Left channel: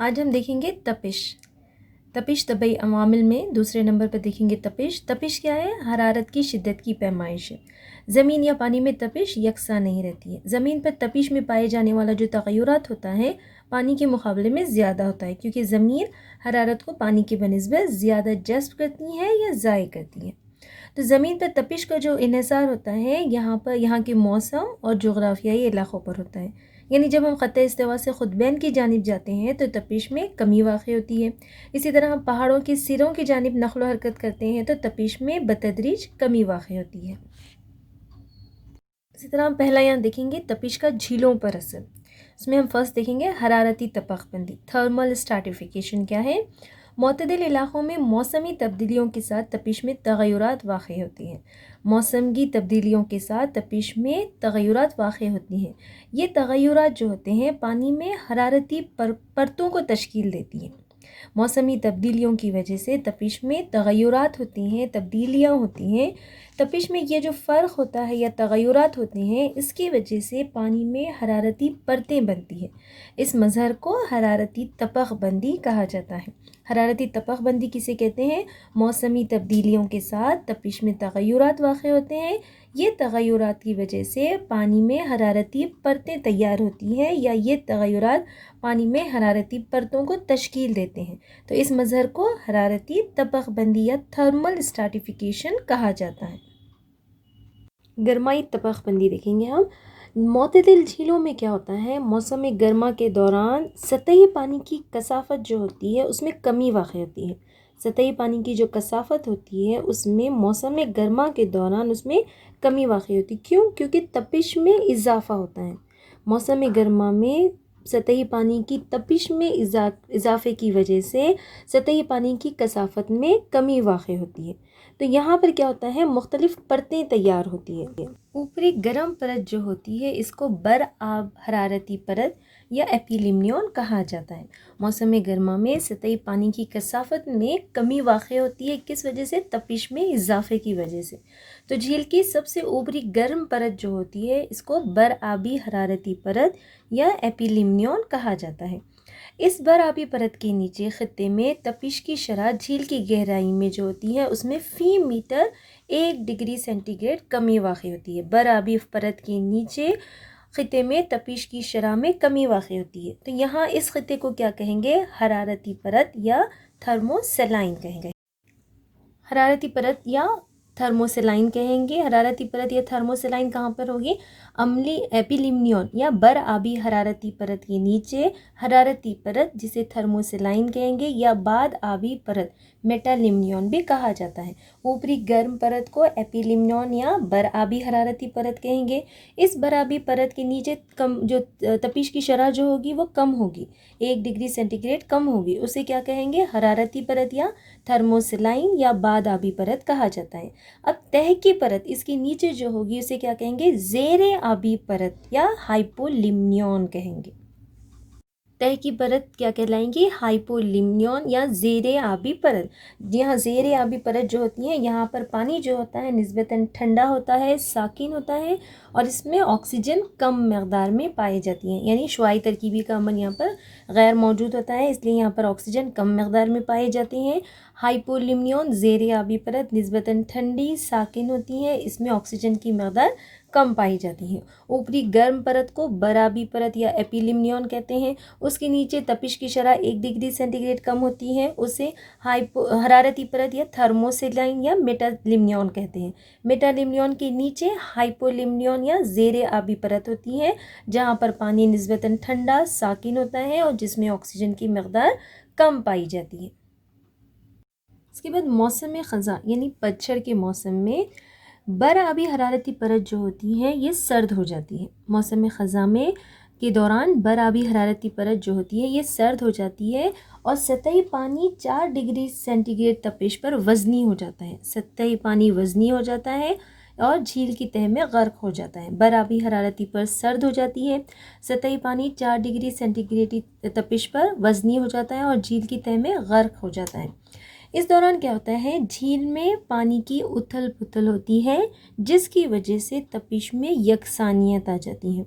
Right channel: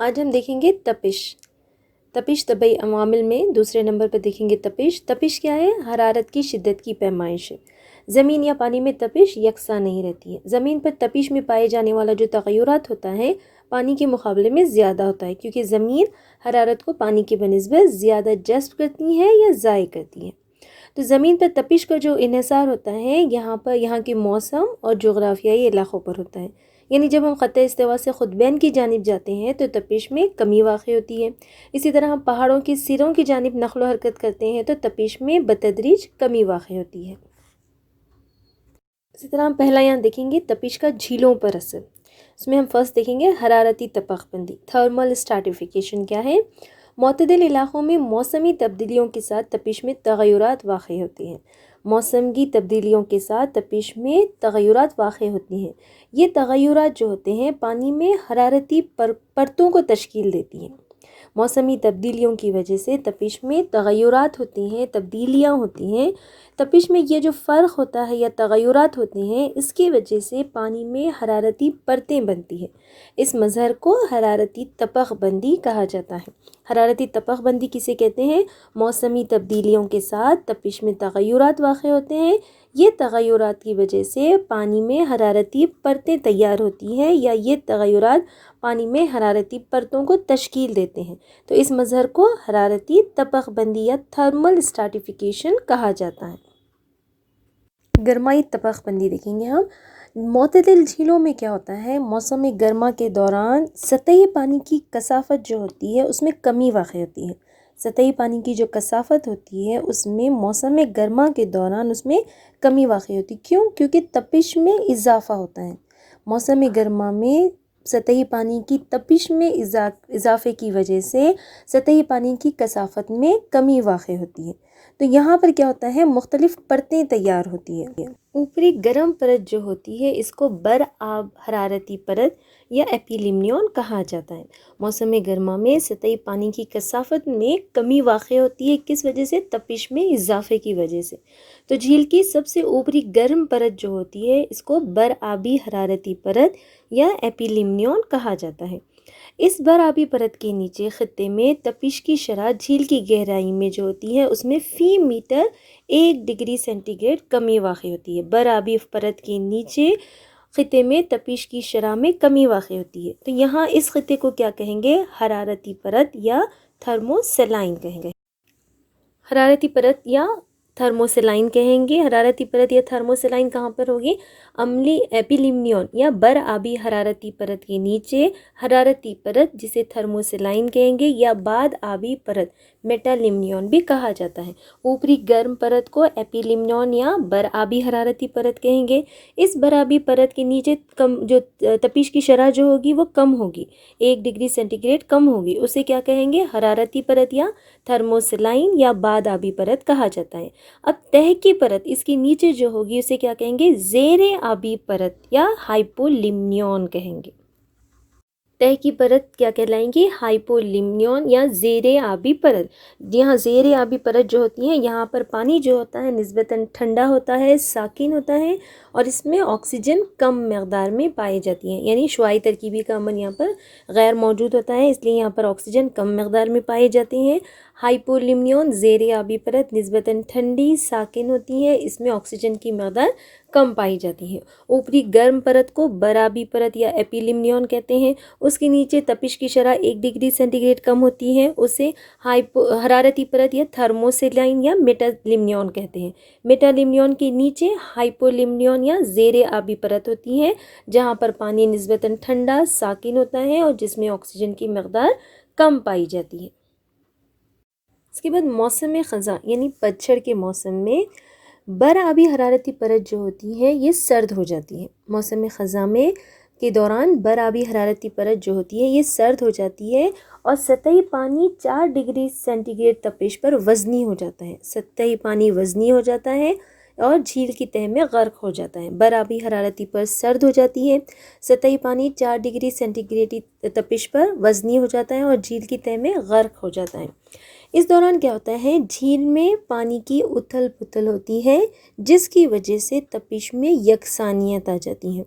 آج ہم دیکھیں گے تپش طبعی عوامل میں دوسرے نمبر پر دیکھیں گے تپش کیا ہے؟ حرارت کی شدت کی پیمائش ہے۔ زمین یا پانی میں تپش یکساں نہیں رہتی ہے۔ زمین پر تپش میں پائے جانے والا جو تغیرات ہوتا ہے پانی کے مقابلے میں زیادہ ہوتا ہے، کیونکہ زمین حرارت کو پانی کے بنسبت زیادہ جذب کرتی ہے یا ضائع کرتی ہے۔ تو زمین پر تپش کا جو انحصار ہوتا ہے یہاں کے موسم اور جغرافیائی علاقوں پر ہوتا ہے۔ یعنی جب ہم خط استوا سے قطبین کی جانب جاتے ہیں تو تپش میں کمی واقع ہوتی ہے۔ اسی طرح ہم پہاڑوں کے سروں کی جانب نقل و حرکت کرتے ہیں تو تپش میں بتدریج کمی واقع ہوتی ہے۔ اسی طرح ہم پہلا یہاں دیکھیں گے تپش کا جھیلوں پر اثر۔ اس میں ہم فرسٹ دیکھیں گے حرارتی طبقہ بندی، تھرمل اسٹریٹیفیکیشن کیا ہے؟ معتدل علاقوں میں موسمی تبدیلیوں کے ساتھ تپش میں تغیرات واقع ہوتے ہیں۔ موسمی تبدیلیوں کے ساتھ تپش میں تغیرات واقع ہوتی ہیں۔ یہ تغیرات جو ہوتے ہیں پانی میں حرارتی پرتوں کو تشکیل دیتی ہیں۔ موسمی تبدیلیوں کی وجہ سے تپش میں تغیرات ہوتی ہیں، تبدیلیاں ہوتی ہیں۔ تپش میں یہ جو فرق ہوتا ہے یا تغیرات ہوتے ہیں اس کی وجہ سے پانی میں حرارتی پرتیں بنتی ہیں۔ اس مظہر کو حرارتی طبقہ بندی کہا جاتا ہے۔ حرارتی طبقہ بندی کسے کہتے ہیں؟ موسمی تبدیلیوں کے ساتھ تپش میں تغیرات واقع ہوتے ہیں۔ یہ تغیرات کی وجہ سے پانی میں حرارتی پرتیں تیار ہوتی ہیں یا یہ تغیرات پانی میں حرارتی پرتوں کو تشکیل دیتے ہیں۔ تو اس مظہر کو حرارتی طبقہ بندی یا تھرمل اسٹریٹیفیکیشن کہا جاتا ہے۔ گرمائی طبقہ بندی دیکھیں گے ہم۔ معتدل جھیلوں میں کیا ہوتا ہے؟ موسم گرما کے دوران سطحی پانی کی کثافت جو ہوتی ہے اس میں کمی واقع ہوتی ہے۔ سطحی پانی کی جو کثافت ہوتی ہے اس میں موسم گرما کے دوران اس میں کمی واقع ہوتی ہے۔ کیوں؟ کیونکہ تپش میں اضافہ ہوتا ہے۔ موسم گرما میں سطحی پانی کی تپش میں اضافے کی وجہ سے سطحی پانی کی کثافت میں کمی واقع ہوتی ہے۔ تو یہاں پر کیا ہوتا ہے؟ مختلف پرتیں تیار ہوتی ہیں۔ اوپری گرم پرت جو ہوتی ہے اس کو برآب حرارتی پرت یا ایپیلیمنیون کہا جاتا ہے۔ موسم گرما میں سطحی پانی کی کثافت میں کمی واقع ہوتی ہے، کس وجہ سے؟ تپش میں اضافے کی وجہ سے۔ تو جھیل کی سب سے اوپری گرم پرت جو ہوتی ہے اس کو برآبی حرارتی پرت یا ایپیلیمنیون کہا جاتا ہے۔ اس برآبی پرت کے نیچے خطے میں تپش کی شرح جھیل کی گہرائی میں جو ہوتی ہے اس میں فی میٹر 1 ڈگری سینٹی گریڈ کمی واقع ہوتی ہے۔ برآبی پرت کے نیچے خطے میں تپش کی شرح میں کمی واقع ہوتی ہے۔ تو یہاں اس خطے کو کیا کہیں گے؟ حرارتی پرت یا تھرموسیلائن کہیں گے۔ حرارتی پرت یا تھرموسیلائن کہیں گے۔ حرارتی پرت یا تھرموسیلائن کہاں پر ہوگی؟ عملی ایپیلیمنیون یا برآبی حرارتی پرت کے نیچے حرارتی پرت جسے تھرموسیلائن کہیں گے یا بعد آبی پرت میٹالیمنیون بھی کہا جاتا ہے۔ اوپری گرم پرت کو ایپیلیمنیون یا برآبی حرارتی پرت کہیں گے۔ اس برآبی پرت کے نیچے جو تپش کی شرح جو ہوگی وہ کم ہوگی، 1 ڈگری سینٹی گریڈ کم ہوگی، اسے کیا کہیں گے؟ حرارتی پرت یا تھرموسیلائن یا بعد آبی پرت کہا جاتا ہے۔ اب تہ کی پرت اس کے نیچے جو ہوگی اسے کیا کہیں گے؟ زیر آبی پرت یا ہائپولیمنیون کہیں گے۔ تہ کی پرت کیا کہلائیں گی؟ ہائپولیمنیون یا زیر آبی پرت۔ یہاں زیر آبی پرت جو ہوتی ہے یہاں پر پانی جو ہوتا ہے نسبتاً ٹھنڈا ہوتا ہے، ساکن ہوتا ہے اور اس میں آکسیجن کم مقدار میں پائی جاتی ہیں، یعنی شعاعی ترکیبی کا عمل یہاں پر غیر موجود ہوتا ہے، اس لیے یہاں پر آکسیجن کم مقدار میں پائے جاتے ہیں۔ ہائپولیمنیون زیر آبی پرت نسبتاً ٹھنڈی ساکن ہوتی ہے، اس میں آکسیجن کی مقدار کم پائی جاتی ہے۔ اوپری گرم پرت کو برآبی پرت یا ایپیلیمنیون کہتے ہیں۔ اس کے نیچے تپش کی شرح 1 ڈگری سینٹی گریڈ کم ہوتی ہے، اسے حرارتی پرت یا تھرموسیلائن یا میٹالیمنیون کہتے ہیں۔ میٹالیمنیون کے نیچے ہائپولیمنیون یا زیر آبی پرت ہوتی ہے جہاں پر پانی نسبتاً ٹھنڈا ساکن ہوتا ہے اور جس میں آکسیجن کی مقدار کم پائی جاتی ہے۔ اس کے بعد موسم خزاں یعنی پتجھڑ کے موسم میں برآبی حرارتی پرت جو ہوتی ہے یہ سرد ہو جاتی ہے۔ موسم خزاں میں کے دوران برآبی حرارتی پرت جو ہوتی ہے یہ سرد ہو جاتی ہے اور سطحی پانی 4 ڈگری سینٹی گریڈ تپش پر وزنی ہو جاتا ہے۔ سطحی پانی وزنی ہو جاتا ہے اور جھیل کی تہہ میں غرق ہو جاتا ہے۔ برآبی حرارتی پرت سرد ہو جاتی ہے، سطحی پانی 4 ڈگری سینٹی گریڈ تپش پر وزنی ہو جاتا ہے اور جھیل کی تہہ میں غرق ہو جاتا ہے۔ اس دوران کیا ہوتا ہے؟ جھیل میں پانی کی اتھل پتھل ہوتی ہے جس کی وجہ سے تپش میں یکسانیت آ جاتی ہے۔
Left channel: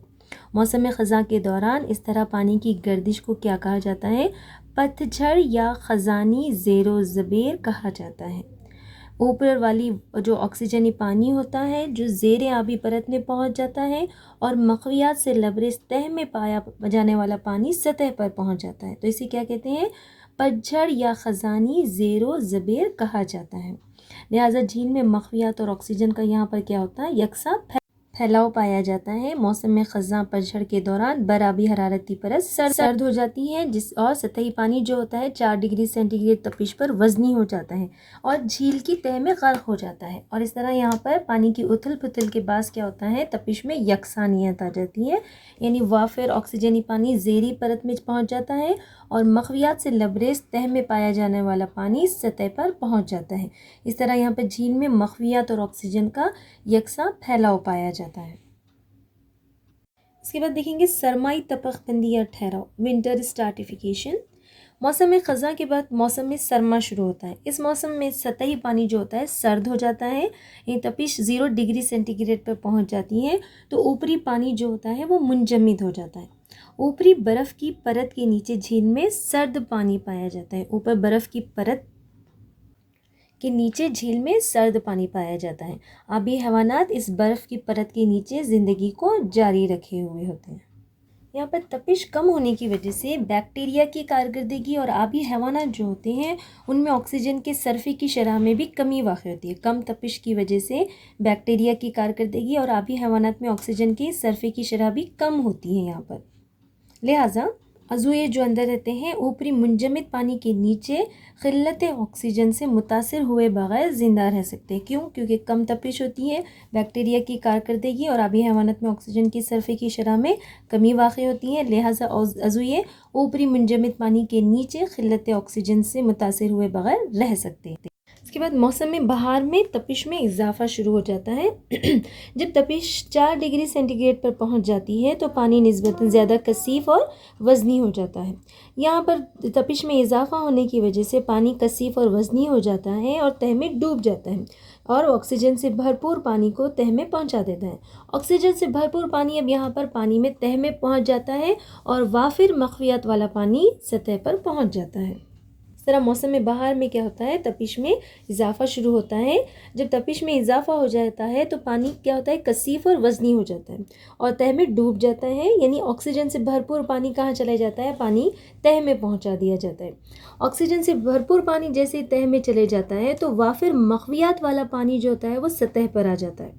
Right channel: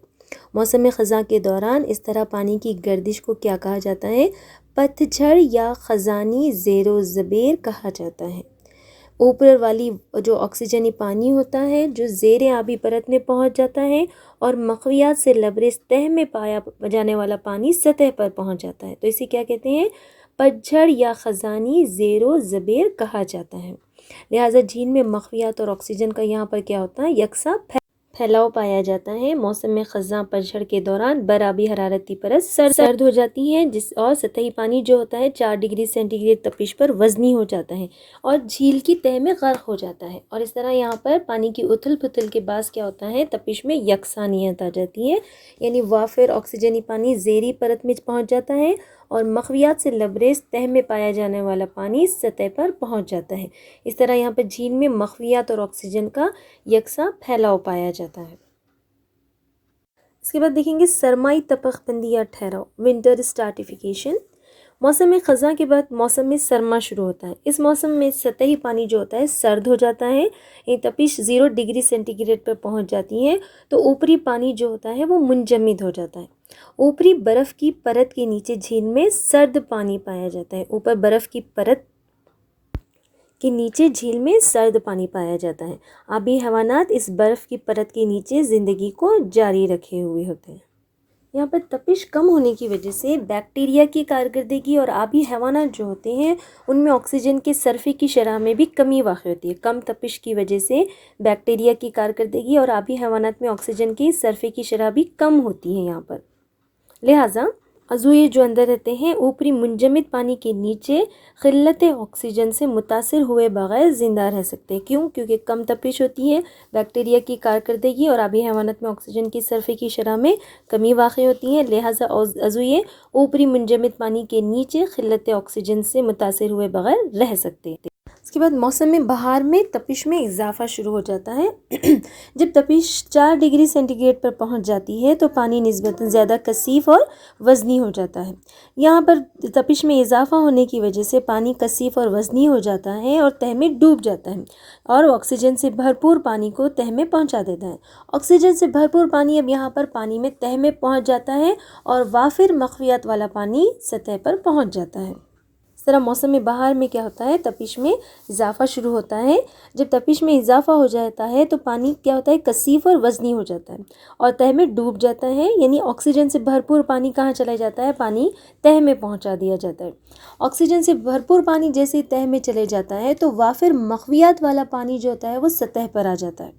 موسم خزاں کے دوران اس طرح پانی کی گردش کو کیا کہا جاتا ہے؟ پتجھڑ یا خزانی زیر و زبیر کہا جاتا ہے۔ اوپر والی جو آکسیجنی پانی ہوتا ہے جو زیر آبی پرت میں پہنچ جاتا ہے، اور مخویات سے لبریز تہہ میں پایا جانے والا پانی سطح پر پہنچ جاتا ہے، تو اسے کیا کہتے ہیں؟ پتجھڑ یا خزانی زیر و زبیر کہا جاتا ہے۔ لہٰذا جھیل میں مخویات اور آکسیجن کا یہاں پر کیا ہوتا ہے؟ یکساں پھیلاؤ پایا جاتا ہے۔ موسم خزاں پتجھڑ کے دوران برآبی حرارتی پرت سرد ہو جاتی ہے، اور سطحی پانی جو ہوتا ہے 4 ڈگری سینٹی گریڈ تپش پر وزنی ہو جاتا ہے اور جھیل کی تہہ میں غرق ہو جاتا ہے، اور اس طرح یہاں پر پانی کی اتھل پتھل کے باعث کیا ہوتا ہے؟ تپش میں یکسانیت آ جاتی ہے، یعنی وافر آکسیجنی پانی زیریں پرت میں پہنچ جاتا ہے اور مخویات سے لبریز تہہ میں پایا جانے والا پانی سطح پر پہنچ جاتا ہے۔ اس طرح یہاں پر جھیل میں مخویات اور آکسیجن کا یکساں پھیلاؤ پایا جاتا ہے۔ اس کے بعد دیکھیں گے سرمائی تپخ بندی یا ٹھہراؤ، ونٹر اسٹارٹیفیکیشن۔ موسم خزاں کے بعد موسم سرما شروع ہوتا ہے۔ اس موسم میں سطحی پانی جو ہوتا ہے سرد ہو جاتا ہے، یہ تپش 0 ڈگری سینٹی گریڈ پر پہنچ جاتی ہے، تو اوپری پانی جو ہوتا ہے وہ منجمد ہو جاتا ہے۔ اوپری برف کی پرت کے نیچے جھیل میں سرد پانی پایا جاتا ہے۔ اوپر برف کی پرت کے نیچے جھیل میں سرد پانی پایا جاتا ہے۔ آبی حیوانات اس برف کی پرت کے نیچے زندگی کو جاری رکھے ہوئے ہوتے ہیں۔ یہاں پر تپش کم ہونے کی وجہ سے بیکٹیریا کی کارکردگی اور آبی حیوانات جو ہوتے ہیں ان میں آکسیجن کے صرفے کی شرح میں بھی کمی واقع ہوتی ہے۔ کم تپش کی وجہ سے بیکٹیریا کی کارکردگی اور آبی حیوانات میں آکسیجن کے صرفے کی شرح بھی کم ہوتی ہے یہاں پر۔ لہٰذا عضوے جو اندر رہتے ہیں اوپری منجمد پانی کے نیچے قلت آکسیجن سے متاثر ہوئے بغیر زندہ رہ سکتے ہیں۔ کیوں؟ کیونکہ کم تپش ہوتی ہے، بیکٹیریا کی کارکردگی اور آبی حیوانات میں آکسیجن کی صرفے کی شرح میں کمی واقع ہوتی ہے، لہٰذا عضوے اوپری منجمد پانی کے نیچے قلت آکسیجن سے متاثر ہوئے بغیر رہ سکتے ہیں۔ اس کے بعد موسم بہار میں تپش میں اضافہ شروع ہو جاتا ہے۔ جب تپش 4 ڈگری سینٹی گریڈ پر پہنچ جاتی ہے تو پانی نسبتاً زیادہ کثیف اور وزنی ہو جاتا ہے۔ یہاں پر تپش میں اضافہ ہونے کی وجہ سے پانی کثیف اور وزنی ہو جاتا ہے اور تہہ میں ڈوب جاتا ہے، اور آکسیجن سے بھرپور پانی کو تہہ میں پہنچا دیتا ہے۔ آکسیجن سے بھرپور پانی اب یہاں پر پانی میں تہہ میں پہنچ جاتا ہے اور وافر مخویات والا پانی سطح پر پہنچ جاتا ہے۔ اس طرح موسم بہار میں کیا ہوتا ہے؟ تپش میں اضافہ شروع ہوتا ہے۔ جب تپش میں اضافہ ہو جاتا ہے تو پانی کیا ہوتا ہے؟ کثیف اور وزنی ہو جاتا ہے اور تہہ میں ڈوب جاتا ہے، یعنی آکسیجن سے بھرپور پانی کہاں چلا جاتا ہے؟ پانی تہہ میں پہنچا دیا جاتا ہے۔ آکسیجن سے بھرپور پانی جیسے تہہ میں چلے جاتا ہے تو وافر مخویات والا پانی جو ہوتا ہے وہ سطح پر آ جاتا ہے،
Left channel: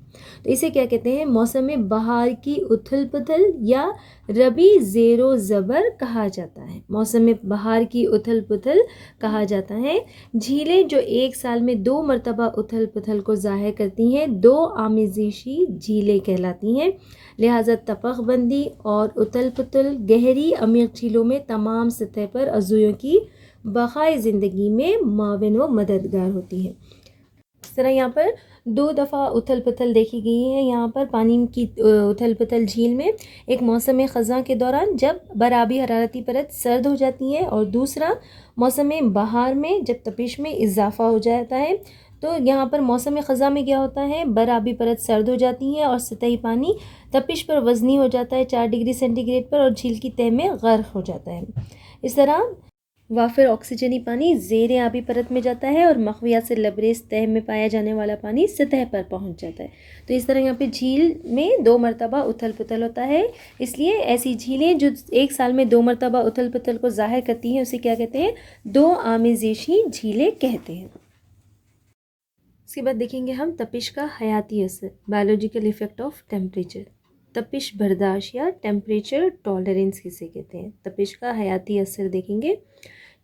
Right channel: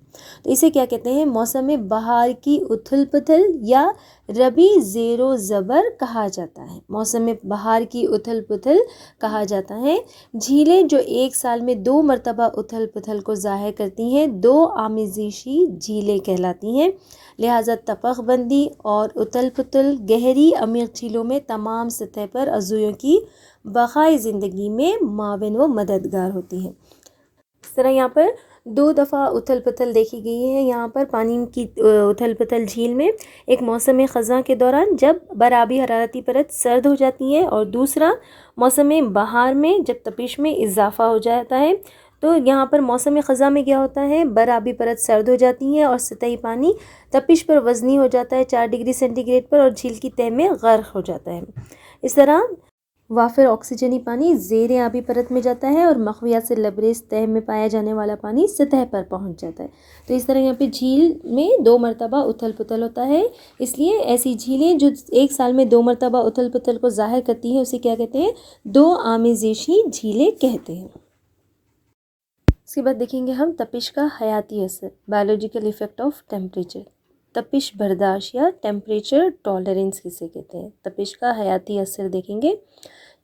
تو اسے کیا کہتے ہیں؟ موسم بہار کی اتھل پتھل یا ربی زیر و زبر کہا جاتا ہے۔ موسم بہار کی اتھل پتھل کہا جاتا ہے۔ جھیلیں جو ایک سال میں 2 مرتبہ اتھل پتھل کو ظاہر کرتی ہیں 2 آمیزشی جھیلیں کہلاتی ہیں، لہٰذا تپخ بندی اور اتھل پتھل گہری عمیق جھیلوں میں تمام سطح پر عضووں کی بقائے زندگی میں معاون و مددگار ہوتی ہیں۔ اس طرح یہاں پر 2 دفعہ اتھل پتھل دیکھی گئی ہے یہاں پر پانی کی اتھل پتھل جھیل میں، ایک موسم خزاں کے دوران جب برآبی حرارتی پرت سرد ہو جاتی ہے، اور دوسرا موسم بہار میں جب تپش میں اضافہ ہو جاتا ہے۔ تو یہاں پر موسم خزاں میں کیا ہوتا ہے؟ برآبی پرت سرد ہو جاتی ہے اور سطحی پانی تپش پر وزنی ہو جاتا ہے 4 ڈگری سینٹی گریڈ پر، اور جھیل کی تہہ میں غرق ہو جاتا ہے۔ اس طرح وافر آکسیجنی پانی زیر آبی پرت میں جاتا ہے اور مخویات سے لبریز تہہ میں پایا جانے والا پانی سطح پر پہنچ جاتا ہے۔ تو اس طرح یہاں پہ جھیل میں 2 مرتبہ اتھل پتھل ہوتا ہے، اس لیے ایسی جھیلیں جو ایک سال میں 2 مرتبہ اتھل پتھل کو ظاہر کرتی ہیں اسے کیا کہتے ہیں؟ 2 آمیزشی جھیلیں کہتے ہیں۔ اس کے بعد دیکھیں گے ہم تپش کا حیاتی اثر، بایولوجیکل ایفیکٹ آف ٹیمپریچر۔ تپش برداشت یا ٹیمپریچر ٹالرنس کسے کہتے ہیں؟ تپش کا حیاتی اثر دیکھیں گے۔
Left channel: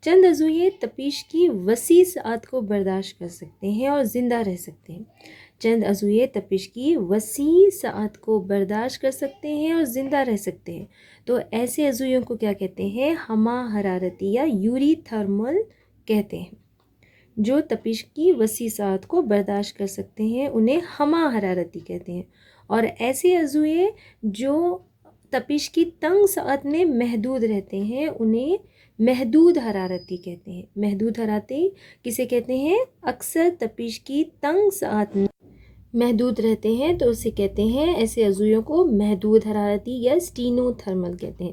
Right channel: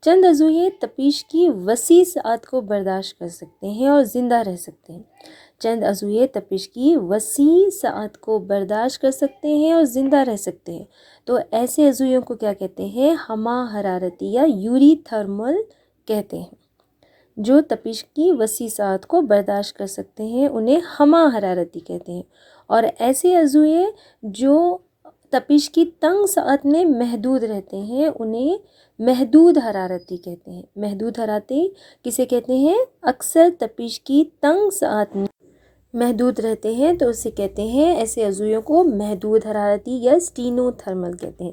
چند عضوے تپش کی وسیع سعات کو برداشت کر سکتے ہیں اور زندہ رہ سکتے ہیں۔ چند عضوے تپش کی وسیع سعات کو برداشت کر سکتے ہیں اور زندہ رہ سکتے ہیں، تو ایسے عضووں کو کیا کہتے ہیں؟ ہمہ حرارتی یا یوری تھرمل کہتے ہیں۔ جو تپش کی وسیع سعات کو برداشت کر سکتے ہیں انہیں ہمہ حرارتی کہتے ہیں، اور ایسے عضوے جو تپش کی تنگ سعات میں محدود رہتے ہیں انہیں محدود حرارتی کہتے ہیں۔ محدود حرارتی کسے کہتے ہیں؟ اکثر تپش کی تنگ سعات میں محدود رہتے ہیں تو اسے کہتے ہیں، ایسے عضویوں کو محدود حرارتی یا اسٹینو تھرمل کہتے ہیں۔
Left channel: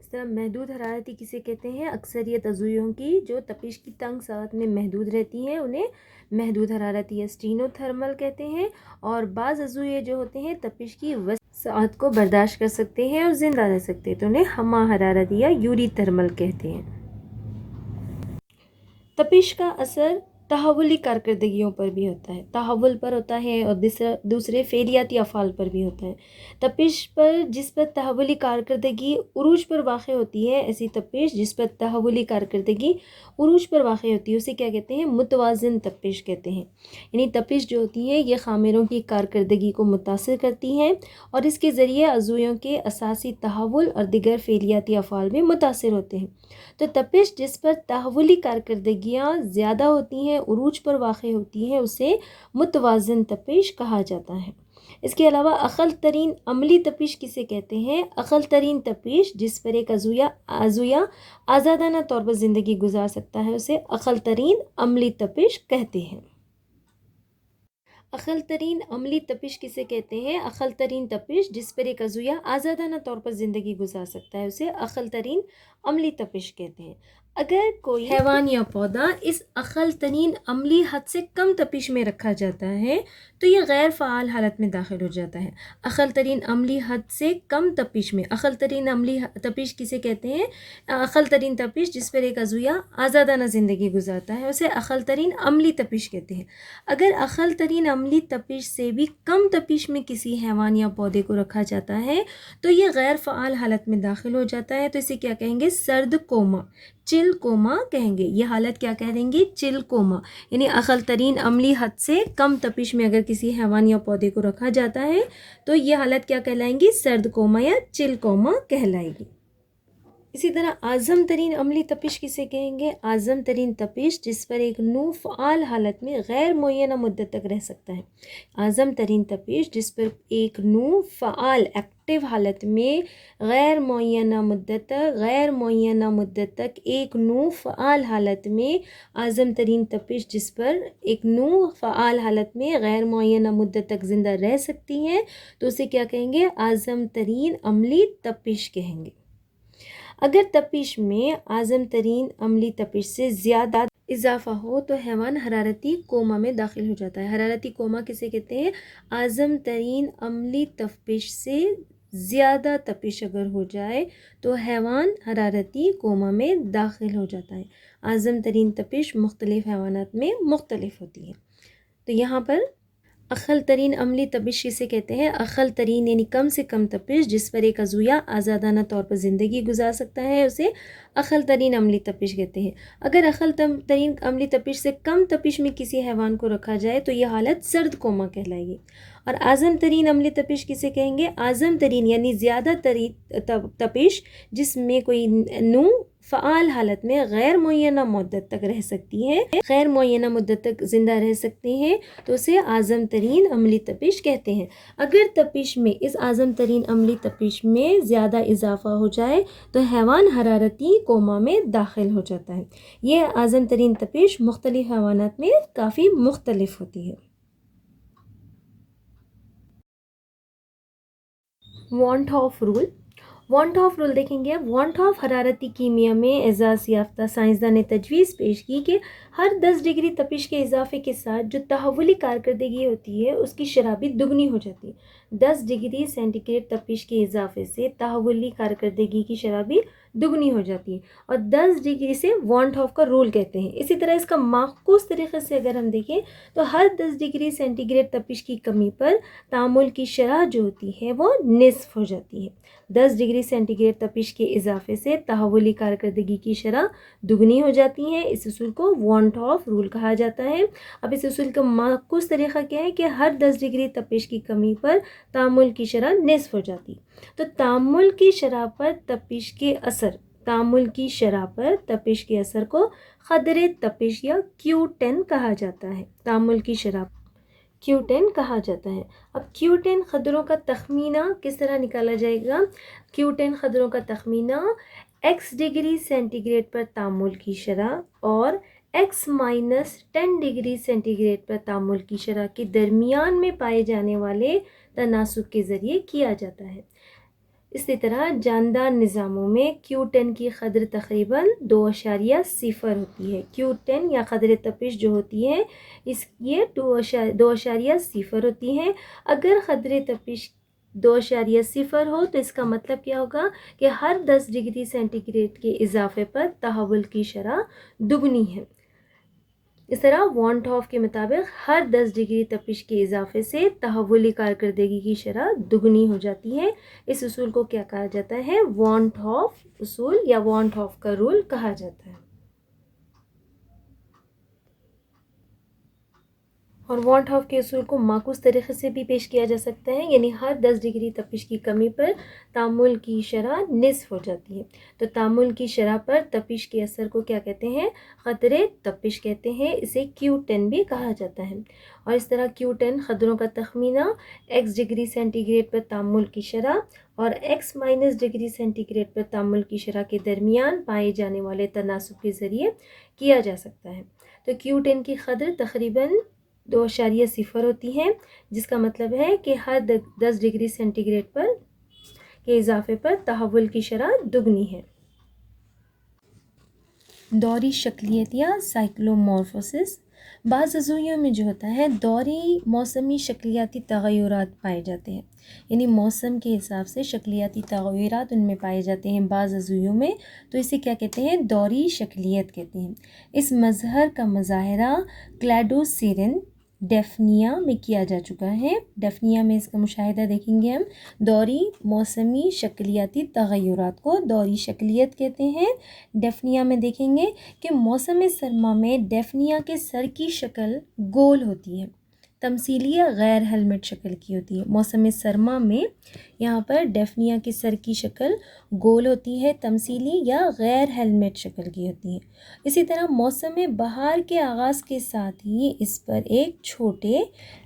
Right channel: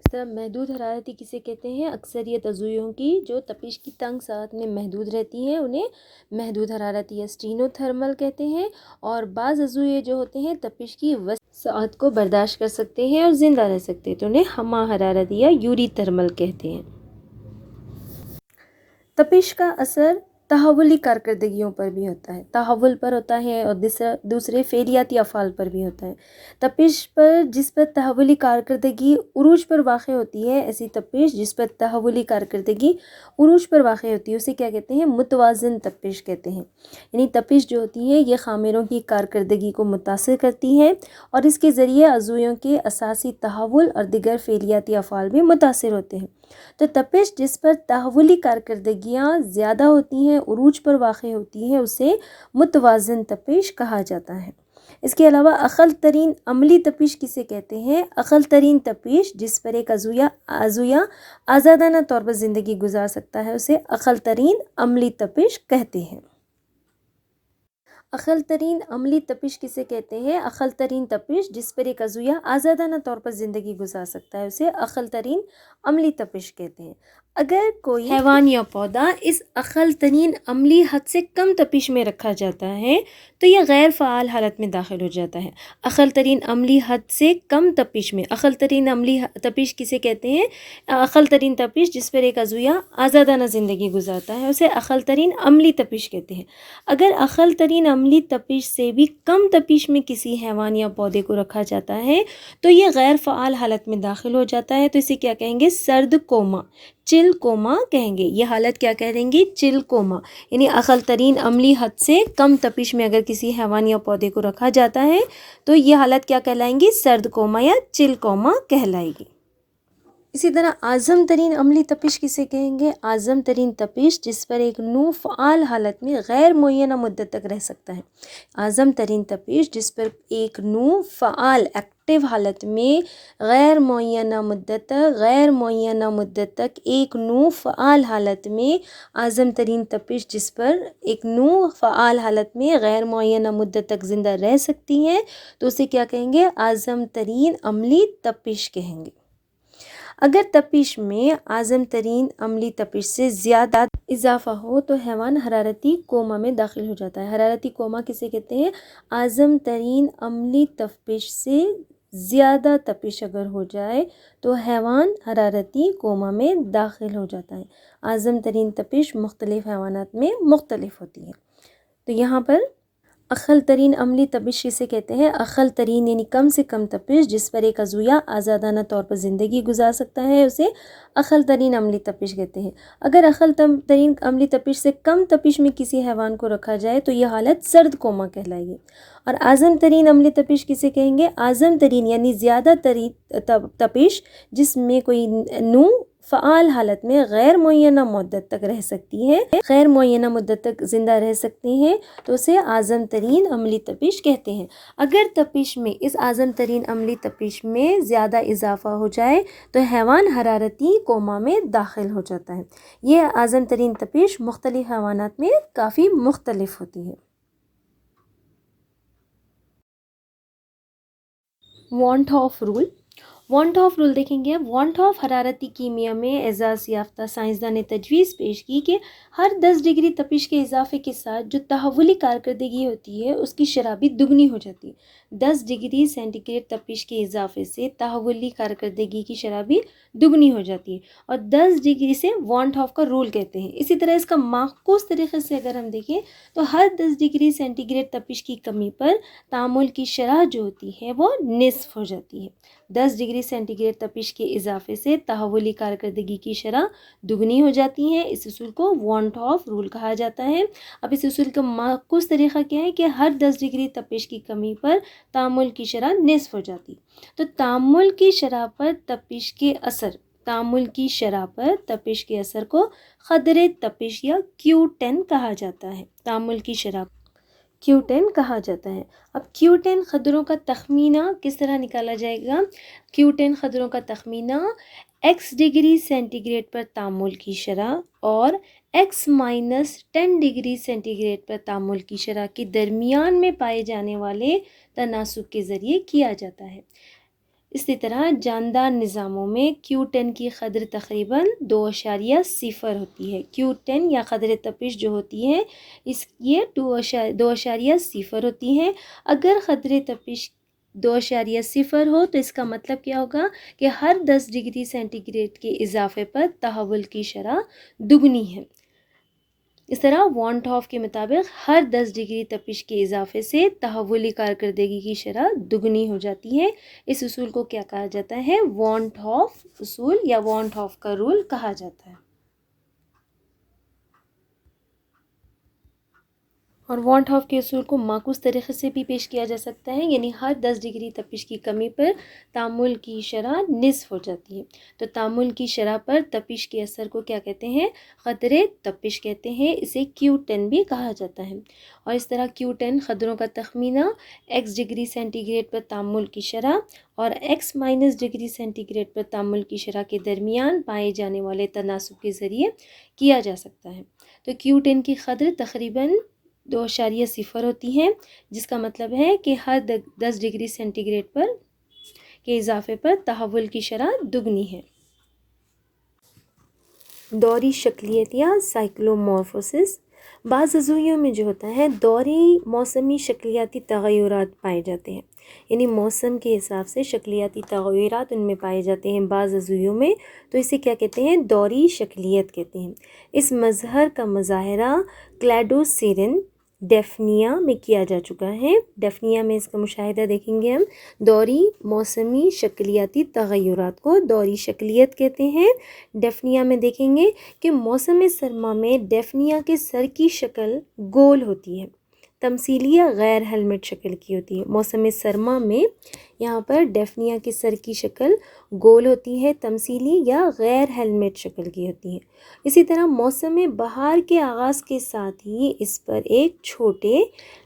اس طرح محدود حرارتی کسے کہتے ہیں؟ اکثریت عضویوں کی جو تپش کی تنگ ساعت میں محدود رہتی ہیں انہیں محدود حرارتی یا اسٹینو تھرمل کہتے ہیں، اور بعض عضویے جو ہوتے ہیں تپش کی وسیع ساعت کو برداشت کر سکتے ہیں اور زندہ رہ سکتے ہیں تو انہیں ہمہ حرارتی یا یوری تھرمل کہتے ہیں۔ تپش کا اثر تحولی کارکردگیوں پر بھی ہوتا ہے، تحول پر ہوتا ہے اور دوسرے فعلیاتی افعال پر بھی ہوتا ہے۔ تپش پر جس پر تحولی کارکردگی عروج پر واقع ہوتی ہے، ایسی تپش جس پر تحولی کارکردگی عروج پر واقع ہوتی ہے اسے کیا کہتے ہیں؟ متوازن تپش کہتے ہیں۔ یعنی تپش جو ہوتی ہے یہ خامیروں کی کارکردگی کو متاثر کرتی ہے اور اس کے ذریعے عضویوں کے اساسی تحول اور دیگر فعلیاتی افعال بھی متاثر ہوتے ہیں۔ تو تپش جس پر تحولی کارکردگیاں زیادہ ہوتی ہیں، عروج پر واقع ہوتی ہیں، اسے متوازن تپش کہا جاتا ہے۔ اس کے علاوہ اقل ترین عملی تپش کسے کہتے ہیں؟ اقل ترین تپش جس پر ایک عضویہ آزادانہ طور پر زندگی گزار سکتا ہے اسے اقل ترین عملی تپش کہتے ہیں۔ اقل ترین عملی تپش کسے کہتے ہیں؟ اقل ترین تپش جس پر ایک عضویہ آزادانہ طور پر زندگی گزار سکتا ہے اسے اقل ترین عملی تپش کہتے ہیں۔ اگر کوئی حیوان یا پودا اس اقل ترین عملی حد سے کم تپش میں رکھا جاتا ہے تو یہ غیر فعال حالت میں داخل ہو جاتا ہے۔ اقل ترین عملی حد سے کم تپش میں، اقل ترین عملی تپش کسے کہتے ہیں؟ اقل ترین تپش جس پر ایک عضویہ آزادانہ زندگی گزارتا ہے اسے اقل ترین عملی تپش کہتے ہیں۔ اگر اقل ترین عملی تپش سے بھی کم تپش میں کسی حیوان یا پودے کو رکھا جاتا ہے تو یہ غیر فعال حالت میں داخل ہو جاتا ہے تو اسے کیا کہیں گے؟ سرد کوما، چل کوما کہیں گے۔ یہ حالت کیا کہہ دیں گے؟ چل کوما۔ یعنی اقل ترین عملی حد سے کم تپش میں اگر کسی حیوان یا پودے کو رکھا جاتا ہے تو یہ حالت کیا کہلائیں گی؟ سرد کوما یا چل کوما کہلائے گی۔ اسی طرح اعظم ترین عملی تپش کسے کہیں گے؟ اعظم ترین تپش جس پر ایک نو فعال حالت میں غیر معینہ مدت تک رہ سکتا ہے۔ اعظم ترین تپش جس پر ایک نو فعال ایکٹیو حالت میں غیر معینہ مدت تک ایک نو فعال حالت میں اعظم ترین تپش جس پر ایک نو فعال حالت میں غیر معینہ مدت تک زندہ رہ سکتی ہے تو اسے کیا کہیں گے؟ اعظم ترین عملی تپش کہیں گے۔ اگر تپش میں اعظم ترین عملی تپش سے زیادہ اضافہ ہو تو حیوان حرارتی کوما میں داخل ہو جاتا ہے۔ حرارتی کوما کسے کہتے ہیں؟ اعظم ترین عملی تپش سے زیادہ تپش اگر ہو جائے تو حیوان حرارتی کوما میں داخل ہو جاتا ہے۔ اعظم ترین تپش مختلف حیوانات میں مختلف ہوتی ہے۔ تو یہاں پر اقل ترین عملی تپش کسے کہتے ہیں؟ اقل ترین یعنی کم سے کم تپش جس پر ایک عضویہ آزادانہ طور پر زندگی گزار سکتا ہے اسے اقل ترین عملی تپش کہتے ہیں۔ اگر اقل ترین عملی تپش سے کم تپش میں کسی حیوان کو رکھا جائے تو یہ حالت سرد کوما کہلائے گی۔ اور اعظم ترین عملی تپش کسے کہیں گے؟ اعظم ترین یعنی زیادہ ترین تپش جس میں کوئی نو فعال حالت میں غیر معینہ مدت تک رہ سکتی ہے، غیر معینہ مدت تک زندہ رہ سکتے ہیں تو اسے اعظم ترین عملی تپش کہتے ہیں۔ اگر تپش میں اس اعظم ترین عملی تپش میں زیادہ اضافہ ہو جائے تو حیوان حرارتی کوما میں داخل ہو جاتا ہے۔ یہ اعظم ترین تپش مختلف حیوانات میں کافی مختلف ہوتی ہے۔ Want of rule, want of rule دیکھیں گے۔ وانٹ آف حرارتی کیمیا میں اعزاز یافتہ سائنسداں نے تجویز پیش کی کہ ہر 10 ڈگری تپش کے اضافے کے ساتھ جو تحولی کارکردگی ہوتی ہے اس کی شرح بھی دگنی ہو جاتی ہے۔ 10 ڈگری سینٹی گریڈ تپش کے اضافے سے تحولی کارکردگی کی شرح بھی دگنی ہو جاتی ہے اور 10 ڈگری سے وانٹ آف کا رول کہتے ہیں۔ اسی طرح اس کا معکوس طریقے سے اگر ہم دیکھیں تو ہر 10 ڈگری سینٹی گریڈ تپش کی کمی پر تعامل کی شرح جو ہوتی ہے وہ نصف ہو جاتی ہے۔ 10 ڈگری سینٹی گریڈ تپش کے اضافے سے تحولی کارکردگی کی شرح دگنی ہو جاتی ہے۔ اس اصول کو وانٹ آف رول کہا جاتا ہے۔ اب اس اصول کا معکوس طریقہ کیا ہے کہ ہر 10 ڈگری تپش کی کمی پر تعامل کی شرح نصف ہو جاتی ہے۔ تو تعامل کی شرح پر تپش کے اثر، تعامل کی شرح پر تپش کے اثر کو قدر تپش یا Q10 کہا جاتا ہے۔ تعامل کی شرح Q10 کہا جاتا ہے۔ اب Q10 قدروں کا تخمینہ کس طرح نکالا جائے گا؟ Q10 قدروں کا تخمینہ x ڈگری سینٹی گریڈ پر تعامل کی شرح اور x minus 10 degree centigrade پر تعامل کی شرح کے درمیان میں پائے جانے والے تناسب کے ذریعے کیا جاتا ہے۔ اسی طرح جاندار نظاموں میں Q10 کی قدر تقریباً 2.0 ہوتی ہے۔ Q10 یا قدر تپش جو ہوتی ہے یہ 2.0 ہوتی ہے۔ اگر قدر تپش 2.0 ہو تو اس کا مطلب کیا ہوگا کہ ہر 10 ڈگری سینٹی گریڈ کے اضافے پر تحول کی شرح دگنی ہے۔ اس طرح وان ہاف کے مطابق ہر 10 ڈگری تپش کے اضافے سے تحولی کارکردگی کی شرح دگنی ہو جاتی ہے۔ اس اصول کو کیا کہا جاتا ہے؟ وان ہاف اصول یا وان ہاف کا رول کہا جاتا ہے۔ اور وانٹ ہاف کے اصول کو معکوس طریقے سے بھی پیش کیا جا سکتا ہے، یعنی ہر 10 ڈگری تپش کی کمی پر تعامل کی شرح نصف ہو جاتی ہے۔ تو تعامل کی شرح پر تپش کے اثر کو کیا کہتے ہیں؟ قدرے تپش کہتے ہیں، اسے Q10 بھی کہا جاتا ہے۔ اور اس طرح Q10 قدروں کا تخمینہ x ڈگری سینٹی گریڈ پر تعامل کی شرح اور x minus degree centigrade پر تعامل کی شرح کے درمیان پائے جانے والے تناسب کے ذریعے کیا جا سکتا ہے۔ تو Q10 کی قدر تقریباً 2.0 ہوتی ہے، جس کا مطلب ہے کہ ہر 10 ڈگری سینٹی گریڈ پر کے اضافے پر تحول کی شرح دگنی ہے۔ دوری شکلیت یا سائیکلومورفوسس، بعض عضویوں میں جو ہوتا ہے دوری موسمی شکلیاتی تغیرات پائے جاتے ہیں، یعنی موسم کے حساب سے شکلیاتی تغیرات ان میں پائے جاتے ہیں بعض عضویوں میں، تو اسے کیا کہتے ہیں؟ دوری شکلیت کہتے ہیں۔ اس مظہر کا مظاہرہ کلیڈوسیرن ڈیفنیا میں کیا جا چکا ہے۔ ڈیفنیا میں اس کا مشاہدہ دیکھیں گے ہم۔ دوری موسمی شکلیاتی تغیرات کو دوری شکلیت کہتے ہیں۔ ڈیفنیا میں دیکھیں گے کہ موسم سرما میں ڈیفنیا کے سر کی شکل گول ہوتی ہے، تمثیلی یا غیر ہیلمٹ شکل کی ہوتی ہے۔ موسم سرما میں یہاں پر ڈیفنیا کے سر کی شکل گول ہوتی ہے، تمثیلی یا غیر ہیلمٹ شکل کی ہوتی ہے۔ اسی طرح موسم بہار کے آغاز کے ساتھ ہی اس پر ایک چھوٹے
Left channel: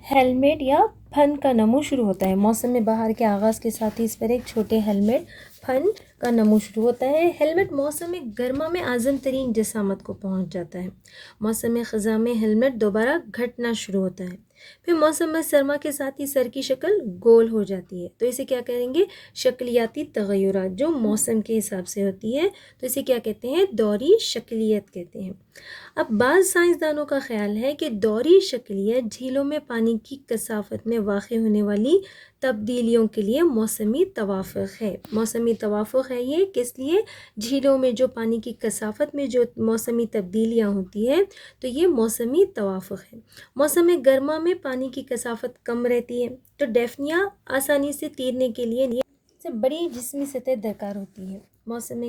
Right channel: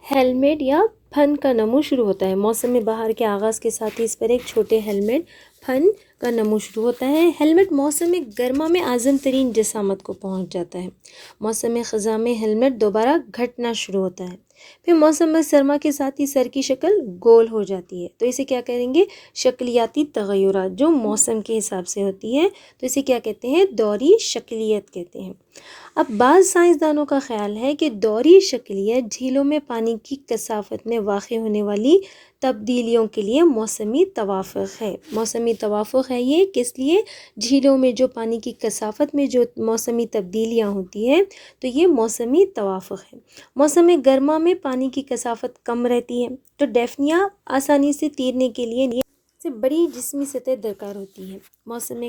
ہیلمٹ یا پھن کا نمو شروع ہوتا ہے۔ موسم بہار کے آغاز کے ساتھ ہی اس پر ایک چھوٹے ہیلمٹ پھن کا نمو شروع ہوتا ہے۔ ہیلمٹ موسم گرما میں اعظم ترین جسامت کو پہنچ جاتا ہے۔ موسم خزاں میں ہیلمٹ دوبارہ گھٹنا شروع ہوتا ہے، پھر موسم سرما کے ساتھ ہی سر کی شکل گول ہو جاتی ہے۔ تو اسے کیا کہیں گے؟ شکلیاتی تغیرات جو موسم کے حساب سے ہوتی ہے، تو اسے کیا کہتے ہیں؟ دوری شکلیت کہتے ہیں۔ اب بعض سائنسدانوں کا خیال ہے کہ دوری شکلیت جھیلوں میں پانی کی کثافت میں واقع ہونے والی تبدیلیوں کے لیے موسمی توافق ہے۔ موسمی توافق ہے یہ کس لیے؟ جھیلوں میں جو پانی کی کثافت میں جو موسمی تبدیلیاں ہوتی ہیں، تو یہ موسمی توافق ہے۔ موسم گرما میں پانی کی کثافت کم رہتی ہے، تو ڈیفنیا آسانی سے تیرنے کے لیے سے بڑی جسمی سطح درکار ہوتی ہے۔ موسم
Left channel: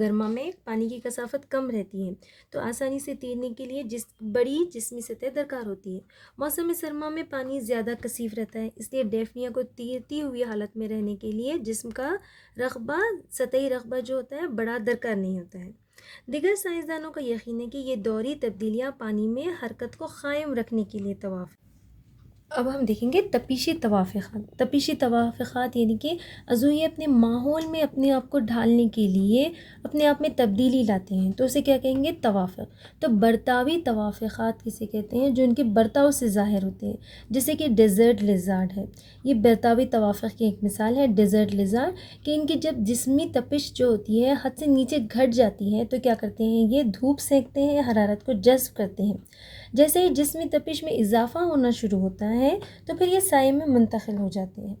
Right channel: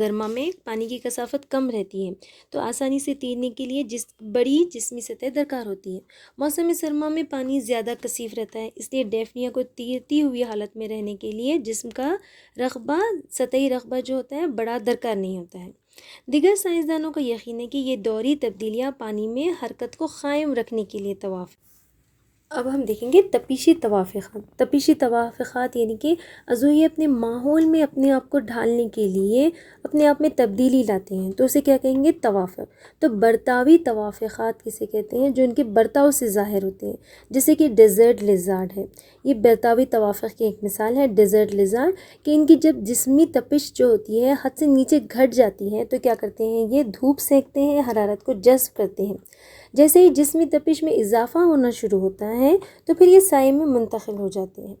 گرما میں پانی کی کثافت کم رہتی ہے، تو آسانی سے تیرنے کے لیے بڑی جسمی سطح درکار ہوتی ہے۔ موسم سرما میں پانی زیادہ کثیف رہتا ہے، اس لیے ڈیفنیا کو تیرتی ہوئی حالت میں رہنے کے لیے جسم کا رقبہ، سطحی رقبہ جو ہوتا ہے بڑا درکار نہیں ہوتا ہے۔ دیگر سائنسدانوں کا یقین ہے کہ یہ دوری تبدیلیاں پانی میں حرکت کو قائم رکھنے کے لیے توافق۔ اب ہم دیکھیں گے تپیشی توافقات۔ تپیشی توافقات یعنی کہ عضویے اپنے ماحول میں اپنے آپ کو ڈھالنے کے لیے اپنے آپ میں تبدیلی لاتے ہیں، تو اسے کیا کہیں گے؟ توافق۔ تو برتاوی توافقات کسے کہتے ہیں؟ جو ان کے برتاؤ سے ظاہر ہوتے ہیں، جیسے کہ ڈیزرٹ لیزارڈ ہے، یہ برتاوی توافق کی ایک مثال ہے ڈیزرٹ لیزارڈ، کہ ان کی جب جسمی تپش جو ہوتی ہے حد سے نیچے گھٹ جاتی ہے تو کیا کرتے ہیں؟ یہ دھوپ سینکتے ہیں، حرارت کو جذب کرتے ہیں۔ جیسے ہی جسمی تپش میں اضافہ ہونا شروع ہوتا ہے تو پھر یہ سائے میں منتقل ہو جاتے ہیں۔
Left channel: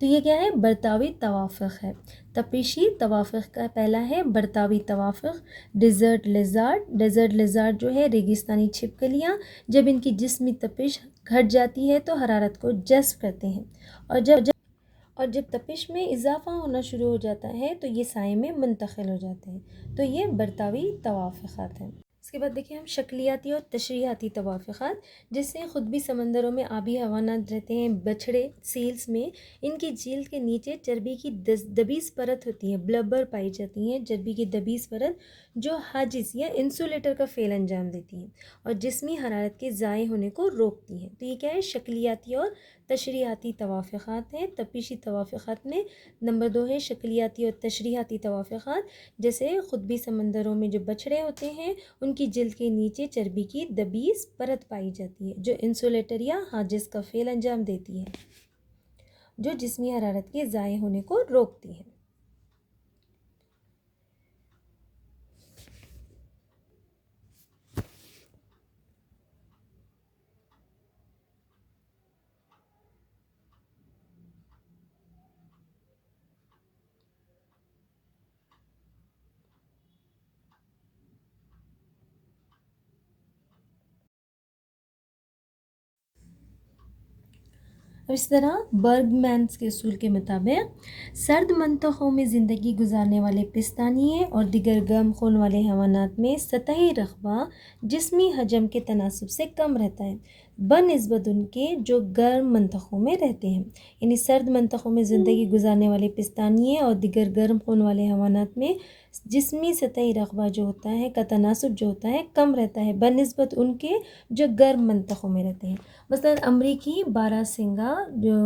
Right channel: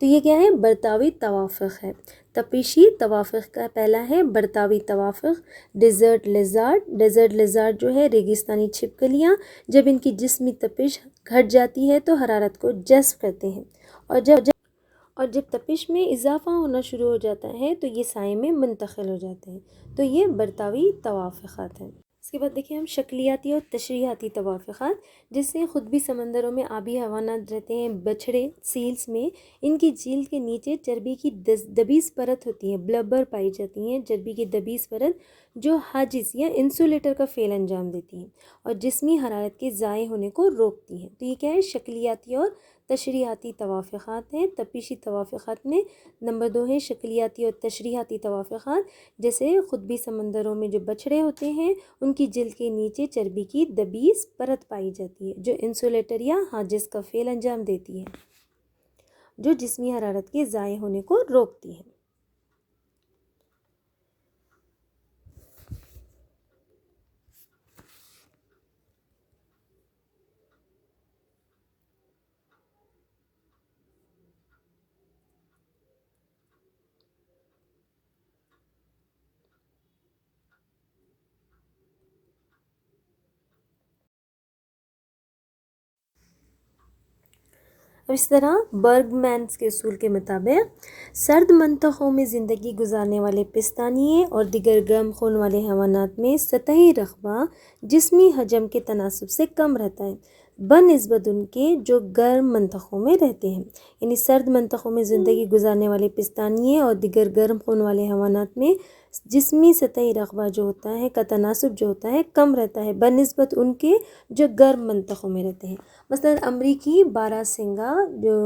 تو یہ کیا ہے؟ برتاوی توافق ہے۔ تپیشی توافق کا پہلا ہے برتاوی توافق، ڈیزرٹ لیزارڈ۔ ڈیزرٹ لیزارڈ جو ہے ریگستانی چھپکلیاں، جب ان کی جسمی تپش گھٹ جاتی ہے تو حرارت کو جذب کرتے ہیں، اور جب تپش میں اضافہ ہونا شروع ہو جاتا ہے تو یہ سائے میں منتقل ہو جاتے ہیں۔ تو یہ برتاوی توافقات ہیں۔ اس کے بعد دیکھیں ہم شکلیاتی اور تشریحاتی توافقات، جس سے خود بھی سمندروں میں آبی حیوانات رہتے ہیں، بچھڑے سیلز میں ان کی جلد کے نیچے چربی کی دبیز پرت ہوتی ہے، بلبر پائی جاتی ہیں، چربی کی دبیز پرت جو حاجز یا انسولیٹر کا فعل انجام دیتی ہیں اور جسمی حرارت کے ضائع ہونے کو روکتی ہیں۔ تو یہ کیا ہے؟ شکلیاتی اور تشریحاتی توافقات ہیں۔ تپیشی توافقات میں نمبر 2 ہے شکلیاتی اور تشریحاتی توافقات، جیسے قطبی سمندروں میں جو بچھڑے ہوتے ہیں ان کی جلد کے نیچے چربی کی دبیس پرت پائی جاتی ہے جو انسولیٹر یا حاجز کا فعل انجام دیتی ہے، جو جسمی حرارت کے ضائع ہونے کو روکتی ہے۔ اور اس طرح برگ مینس کے اصول کے مطابق سرد منطقوں میں زندگی گزارنے والے پستانیے اور دیگر گرم خون والے حیوانات میں سطحی رقبہ جسمی حجم کے تناسب سے کم رہتا ہے بنسبت ان کے جو گرم منطقوں میں رہتے ہیں۔ یعنی سرد منطقوں میں زندگی گزارنے والے پستانیے اور دیگر گرم خون والے حیوانات میں جسمی سطحی رقبہ جو ہوتا ہے کا تناسب جو ہوتا ہے کم رہتا ہے بنسبت ان کے جو گرم منطقوں میں رہتے ہیں۔ مثلاً امریکی باراسنگا جو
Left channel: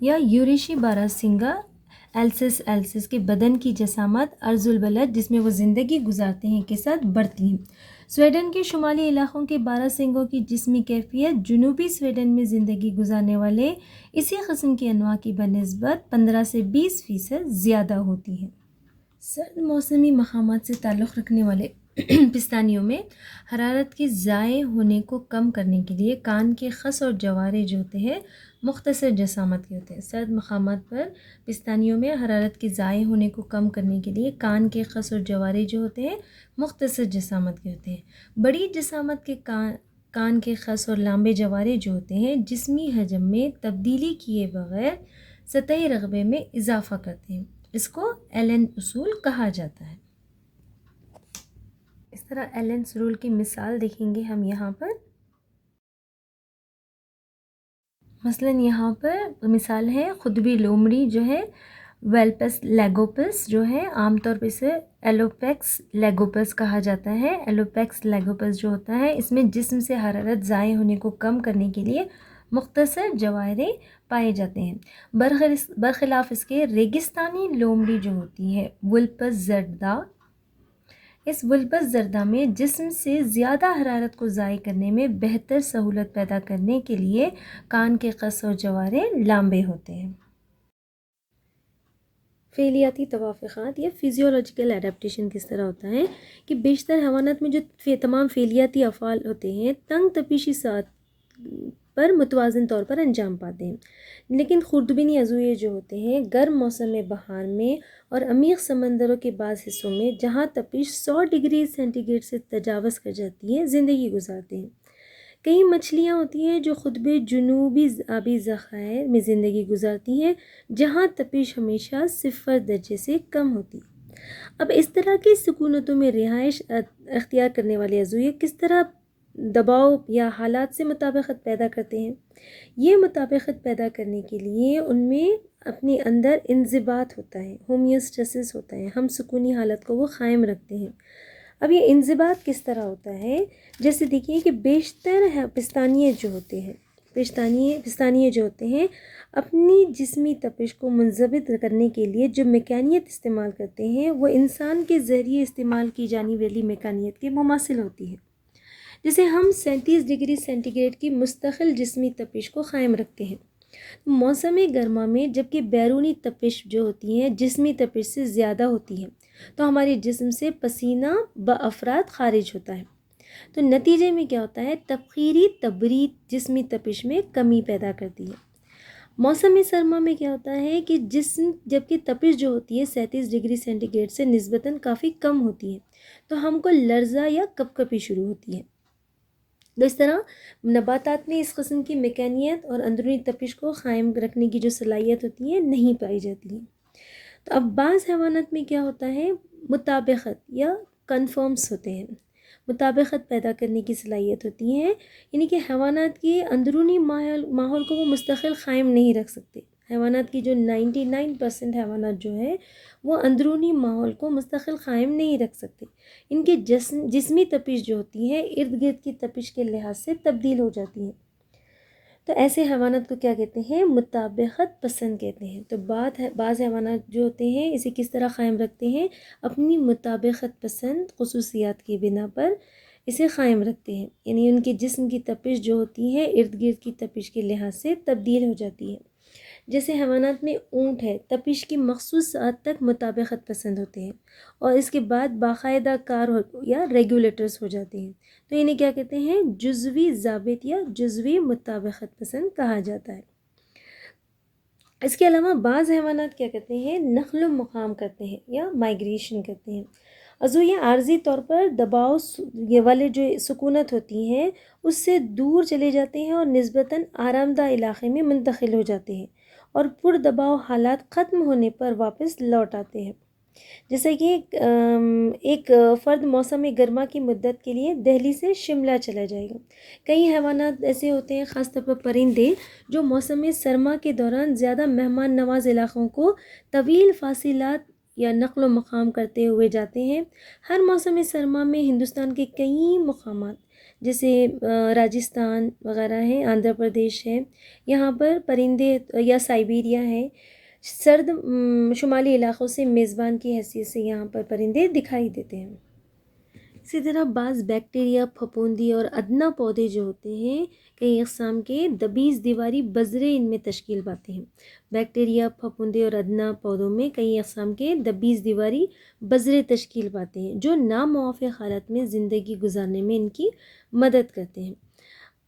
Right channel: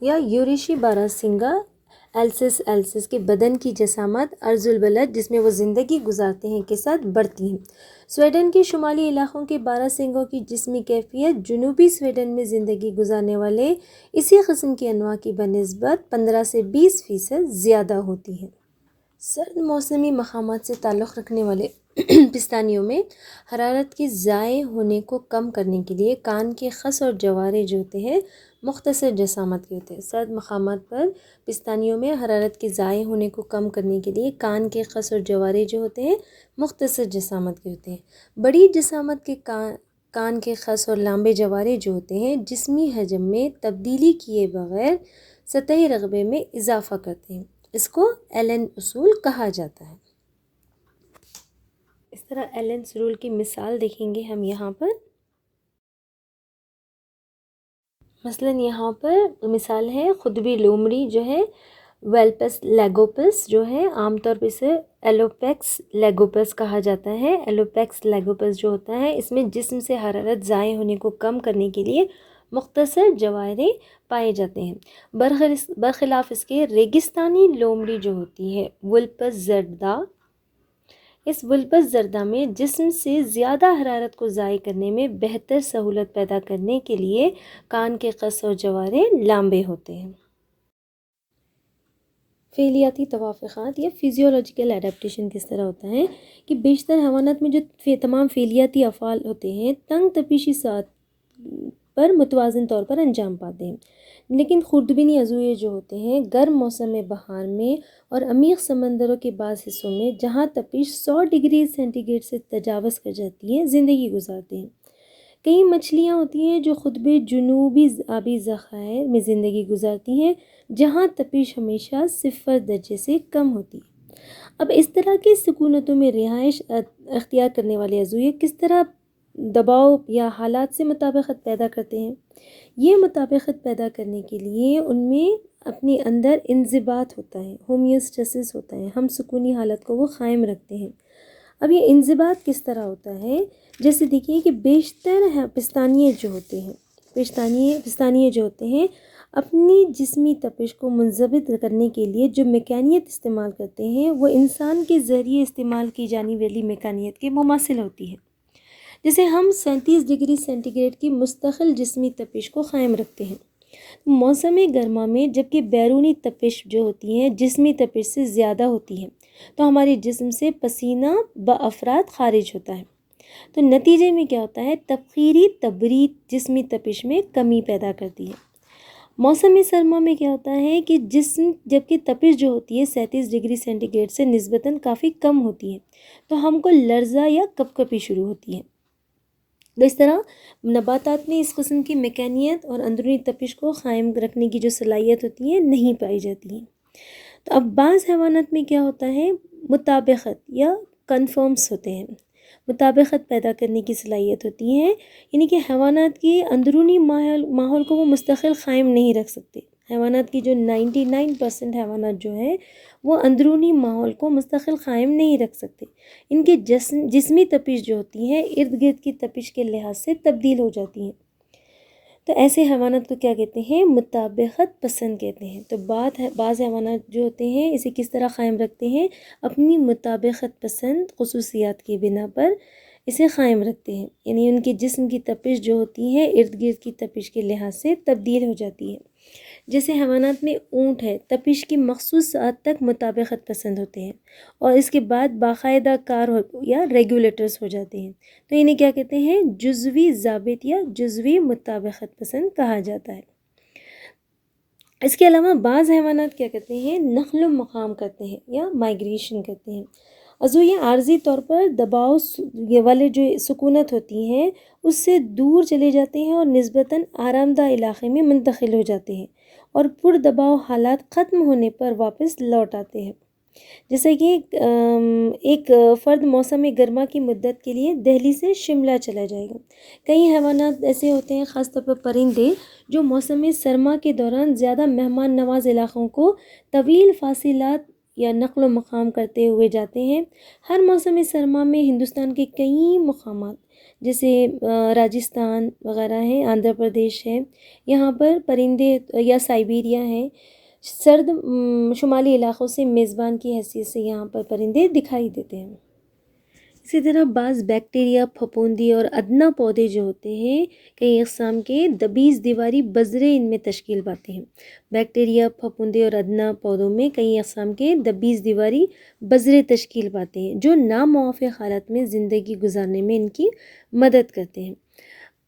یا یوریشی باراسنگا ایلسس کے بدن کی جسامت عرض البلد جس میں وہ زندگی گزارتے ہیں کے ساتھ بڑھتی ہیں۔ سویڈن کے شمالی علاقوں کے باراسنگوں کی جسمی کیفیت جنوبی سویڈن میں زندگی گزارنے والے اسی قسم کی انواع کی بنسبت 15 سے 20% زیادہ ہوتی ہے۔ سرد موسمی مقامات سے تعلق رکھنے والے پستانیوں میں حرارت کے ضائع ہونے کو کم کرنے کے لیے کان کے خس اور جوارے جو ہوتے ہیں مختصر جسامت کے ہوتے ہیں۔ سرد مقامات پر پستانیوں میں حرارت کے ضائع ہونے کو کم کرنے کے لیے کان کے خس اور جوارے جو ہوتے ہیں مختصر جسامت کے ہوتے ہیں۔ بڑی جسامت کے کان کے خس اور لامبے جوارے جو ہوتے ہیں جسمی حجم میں تبدیلی کیے بغیر سطحی رقبے میں اضافہ کرتے ہیں۔ اس کو ایلن اصول کہا جاتا ہے۔ اس طرح ایلن رول کی مثال دیکھیں گے ہم یہاں پر۔ مثلاً یہاں پر مثال ہے قطبی لومڑی جو ہے ویلپس لیگوپس جو ہے عام طور پہ اسے ایلوپیکس لیگوپس کہا جاتا ہے۔ ایلوپیکس لیگوپس جو ہوتا ہے اس میں جسم سے حرارت ضائع ہونے کو کم کرنے کے لیے مختصر جوارے پائے جاتے ہیں برخلاف اس کے ریگستانی لومڑی جو ہوتی ہے وولپس زردا۔ اس وولپس زردہ میں جسم سے زیادہ حرارت کو ضائع کرنے میں بہتر سہولت پیدا کرنے کے لیے کان کے قص اور جوارے لامبے ہوتے ہیں۔ فعلیاتی توافقات یا فزیولوجیکل ایڈیپٹیشن کس طرح ہوتا ہے کہ بیشتر حیوانات میں جو تمام فعلیاتی افعال ہوتے ہیں تنگ تپیشی سطح پر متوازن طور پر انجام پاتے ہیں، لیکن خوردبینی عضویے جو ہوتے ہیں گرم موسم بہار میں اور عمیق سمندروں کے بعض حصوں میں جہاں تپش 100 ڈگری سینٹی گریڈ سے تجاوز کر جاتی ہے زندگی گزارتے ہیں۔ کئی مچھلیاں ہوتی ہیں جو خطبے جنوبی آبی ذخائر میں زندگی گزارتی ہیں جہاں تپش ہمیشہ 0 درجے سے کم ہوتی ہے۔ اب اس طرح کی سکونتوں میں رہائش اختیار کرنے والے عضویے کس طرح دباؤ یا حالات سے مطابقت پیدا کرتے ہیں؟ یہ مطابقت پیدا کرنے کے لیے ان میں اپنے اندر انضباط ہوتا ہے، ہومیوسٹیسس ہوتا ہے، ہم سکونی حالت کو وہ قائم رکھتے ہیں۔ اب یہ انضباط کس طرح ہوتا ہے؟ جیسے دیکھیے کہ بیشتر پستانیے جو ہوتے ہیں اپنی جسمی تپش کو منضبط کرنے کے لیے جو میکانیت استعمال کرتے ہیں وہ انسان کے ذریعے استعمال کی جانے والی میکانیت کے مماثل ہوتی ہے، جسے ہم 37 ڈگری سینٹی گریڈ کی مستقل جسمی تپش کو قائم رکھتے ہیں۔ موسم گرما میں جبکہ بیرونی تپش جو ہوتی ہے جسمی تپش سے زیادہ ہوتی ہے تو ہمارے جسم سے پسینہ بافراط خارج ہوتا ہے، تو نتیجے میں کیا ہوتا ہے تبخیری تبرید جسمی تپش میں کمی پیدا کرتی ہے۔ موسم سرما میں کیا ہوتا ہے کہ جسم جبکہ تپش جو ہوتی ہے 37 ڈگری سینٹی گریڈ سے نسبتاً کافی کم ہوتی ہے تو ہم کو لرزہ یا کپکپی شروع ہوتی ہے۔ اس طرح نباتات میں اس قسم کی میکانیت اور اندرونی تپش کو قائم رکھنے کی جو صلاحیت ہوتی ہے نہیں پائی جاتی ہے۔ تو اب بعض حیوانات میں کیا ہوتا ہے مطابقت یا کنفرمز ہوتے ہیں، مطابقت پیدا کرنے کی صلاحیت ہوتی ہے، یعنی کہ حیوانات کی اندرونی ماحول کو وہ مستقل قائم نہیں رکھ سکتے۔ حیوانات کی جو 99% حیوانات جو ہیں وہ اندرونی ماحول کو مستقل قائم نہیں رکھ سکتے، ان کی جسمی تپش جو ہوتی ہے ارد گرد کی تپش کے لحاظ سے تبدیل ہو جاتی ہیں۔ تو ایسے حیوانات کو کیا کہتے ہیں؟ مطابقت پسند کہتے ہیں۔ تو بعض حیوانات جو ہوتے ہیں اسے کس طرح قائم رکھتے ہیں؟ اپنی مطابقت پسند خصوصیات کی بنا پر اسے قائم رکھتے ہیں، یعنی ان کے جسم کی تپش جو ہوتی ہے ارد گرد کی تپش کے لحاظ سے تبدیل ہو جاتی ہے۔ جیسے حیوانات میں اونٹ ہے، تپش کی مخصوص ساعت تک مطابقت پسند ہوتے ہیں اور اس کے بعد باقاعدہ کار یا ریگولیٹرز ہو جاتے ہیں، تو انہیں کیا کہتے ہیں؟ جزوی ضابط یا جزوی مطابقت پسند کہا جاتا ہے۔ اس کے علاوہ بعض حیوانات کیا کرتے ہیں؟ نقل و مقام کرتے ہیں یا مائگریشن کرتے ہیں۔ ازو یہ عارضی طور پر دباؤ یہ والے جو سکونت ہوتی ہیں اس سے دور چلے جاتے ہیں اور نسبتاً آرام دہ علاقے میں منتقل ہو جاتے ہیں اور پر دباؤ حالات ختم ہونے پر واپس لوٹ آتے ہیں۔ جیسے کہ ایک فرد موسم گرما کی مدت کے لیے دہلی سے شملہ چلا جائے گا۔ کئی حیوانات ایسے ہوتے ہیں، خاص طور پر پرندے، جو موسم سرما کے دوران زیادہ مہمان نواز علاقوں کو طویل فاصلات یا نقل و مقام کرتے ہوئے جاتے ہیں۔ ہر موسم سرما میں ہندوستان کے کئی مقامات جیسے راجستھان وغیرہ ہیں، آندھرا پردیش ہے، یہاں پر پرندے یا سائبیریا ہے، سرد شمالی علاقوں سے میزبان کی حیثیت سے یہاں پر پرندے دکھائی دیتے ہیں۔ اسی طرح بعض بیکٹیریا، پھپھوندی اور ادنا پودے جو ہوتے ہیں کئی اقسام کے دبیس دیواری بذرے ان میں تشکیل پاتے ہیں۔ بیکٹیریا، پھپھوندی اور ادنا پودوں میں کئی اقسام کے دبیس دیواری بذرے تشکیل پاتے ہیں جو ناموافق حالت میں زندگی گزارنے میں ان کی مدد کرتے ہیں۔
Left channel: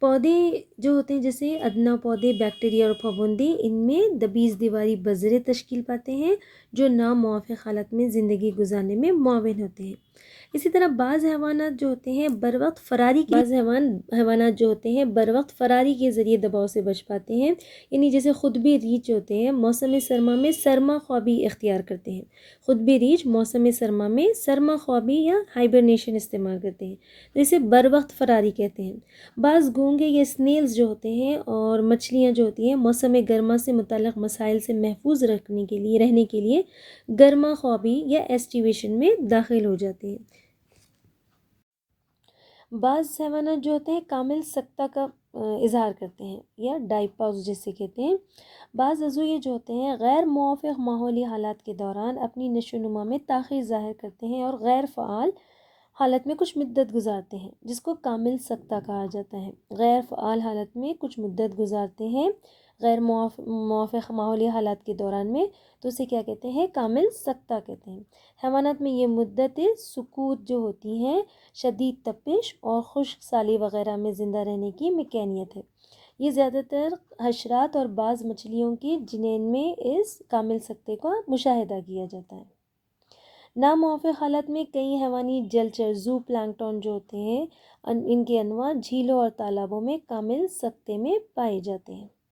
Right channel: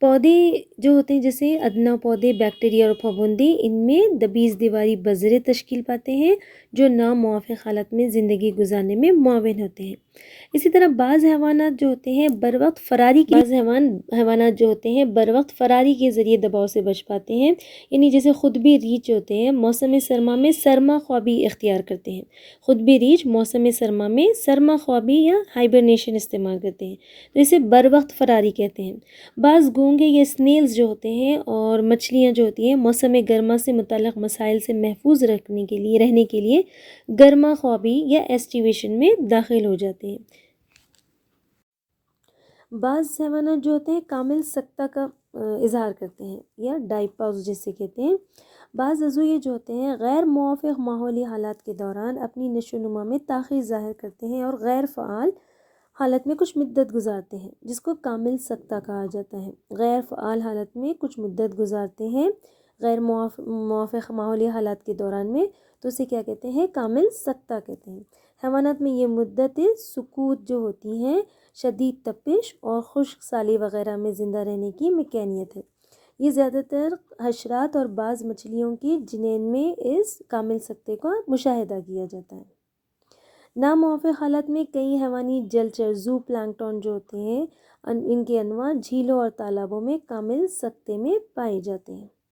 پودے جو ہوتے ہیں جیسے ادنا پودے، بیکٹیریا اور پھپھوندی، ان میں دبیس دیواری بذرے تشکیل پاتے ہیں جو ناموافق حالت میں زندگی گزارنے میں معاون ہوتے ہیں۔ اسی طرح بعض حیوانات جو ہوتے ہیں بروقت فراری حیوانات جو ہوتے ہیں بروقت فراری کے ذریعے دباؤ سے بچ پاتے ہیں، یعنی جیسے خطبی ریچھ ہوتے ہیں موسم سرما میں سرما خوابی اختیار کرتے ہیں۔ خطبی ریچھ موسم سرما میں سرما خوابی یا ہائبرنیشن استعمال کرتے ہیں، تو اسے بروقت فراری کہتے ہیں۔ بعض گونگے یا سنیلز جو ہوتے ہیں اور مچھلیاں جو ہوتی ہیں موسم گرما سے متعلق مسائل سے محفوظ رہنے کے لیے گرما خوابی یا ایسٹیویشن میں داخل ہو جاتے ہیں۔ بعض حیوانات جو ہوتے ہیں کامل سکتہ کا اظہار کرتے ہیں یا ڈائپاؤز جسے کہتے ہیں۔ بعض عضویے جو ہوتے ہیں غیر موافق ماحولی حالات کے دوران اپنی نشو و نما میں تاخیر ظاہر کرتے ہیں اور غیر فعال حالت میں کچھ مدت گزارتے ہیں، جس کو کامل سکتہ کہا جاتا ہے۔ غیر فعال حالت میں کچھ مدت گزارتے ہیں غیر موافق ماحولی حالات کے دوران میں، تو اسے کیا کہتے ہیں؟ کامل سکتہ کہتے ہیں۔ حیوانات میں یہ مدت سکوت جو ہوتی ہیں شدید تپش اور خشک سالی وغیرہ میں زندہ رہنے کی مکینیت ہے۔ یہ زیادہ تر حشرات اور بعض مچھلیوں کی جنین میں اس کامل سکتے کا مشاہدہ کیا جاتا ہے۔ ناموافق حالت میں کئی حیوانی جلچر زو پلانکٹن جو ہوتے ہیں ان کے انواع جھیلوں اور تالابوں میں کامل سکتے میں پائے جاتے ہیں۔